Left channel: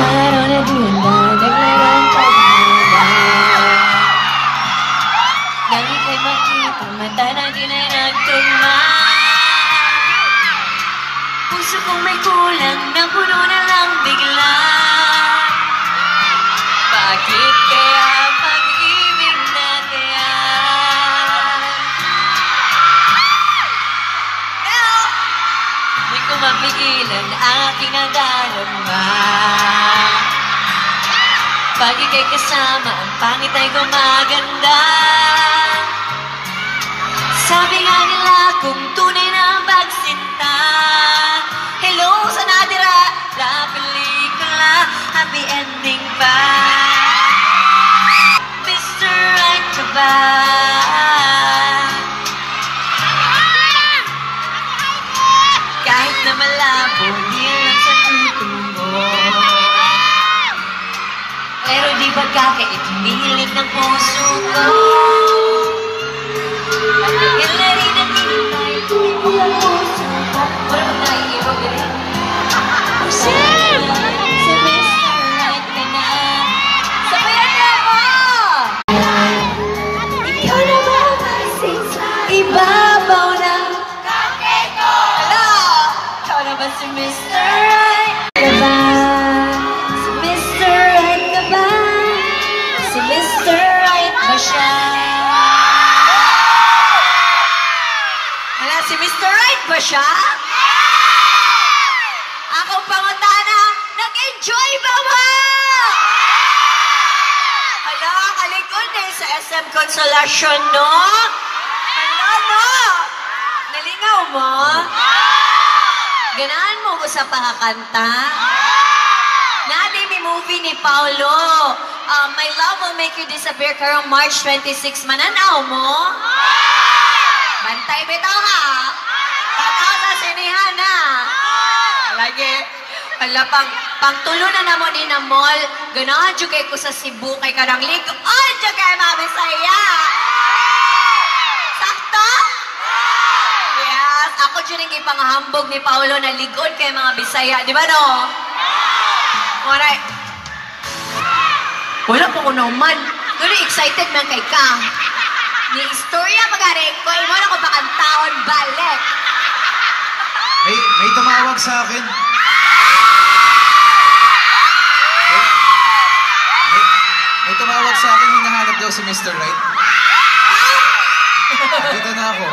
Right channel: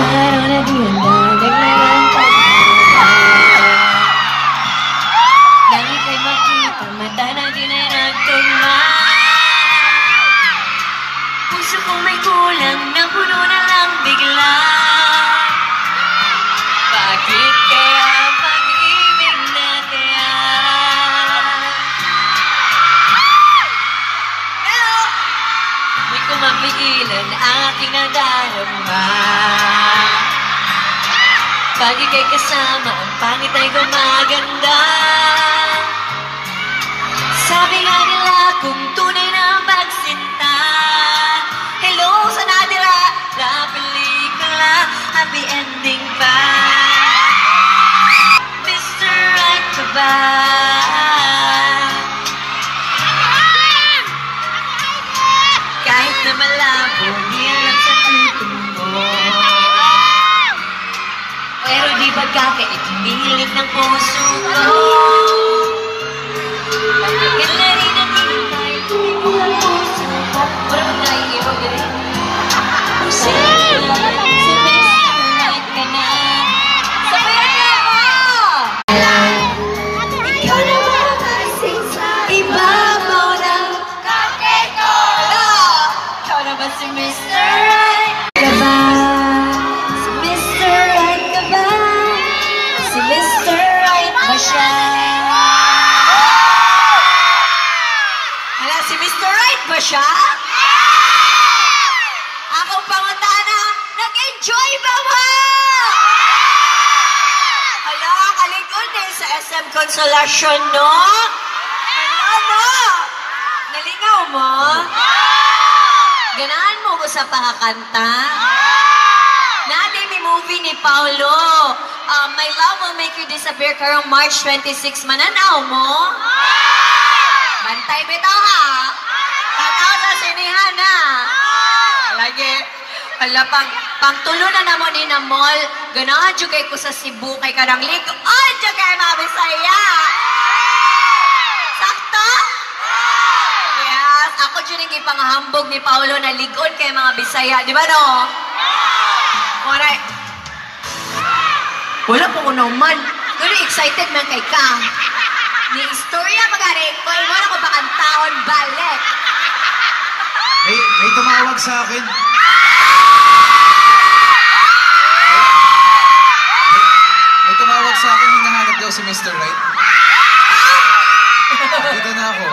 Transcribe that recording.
Parang nagmula, naglalang pagmula. Nang ika'y makita, mata na ginayagtugma. Puso kong may kulang, napuno na lang bigla. Bakit kaya pag-ibig na kaya? Di ko mapigilan ang aking nadarama. Pag ika'y kasama, ang pangit ay gumaganda. Sabi nga nila kung tunay na pagsinta. Hello sa nadira na pelikula, happy ending pa. Mr. Right ka ba? Kahit na malabo, hirap sa tutungo. Pero di ba kakaitinilig ng puso ko? Pagkakalain ang inumay, ang puso ko. Parang tayo iwagaling. Si Mr. Right ka na. Sabayan na ako! Ikaw na ba kasi sa ibabaw ng kape ko? Ikaw na ba si Mr. Right ka ba? Si Mr. Right ka ba? Si Mr. Right ba siya? Wala, si Mr. Right ba siya? Ako pangutana, nag-enjoy ba mo? Hala, kalikod eh sa SM Consolacion, no? Hala, no? Nalingaw mo? Ganahan mo ko sa pakakanta? Natin may movie ni Paulo. My Love Will Make You Disappear karong March 26. Mananaw mo? Bantay bitaw ha? Tataw sa sinihan ha? Lagi. Ala, pang tulo na naman ni na mall. Ganahan jugay ko sa Cebu kay karang lik. Ay, jugay mabisaya! Sakto? Yes, ako dyan yung ipangahambog ni Paulo na ligon kay mga Bisaya. Di ba no? Alright. Wala po ko naman. Pero excited man kay ka. Ni istorya mag-arik ko, ino na ko bakang taon balik. May tumawag sa akin. May tumawag sa akin, hinahanap daw si Mr. Right. Dito na ako.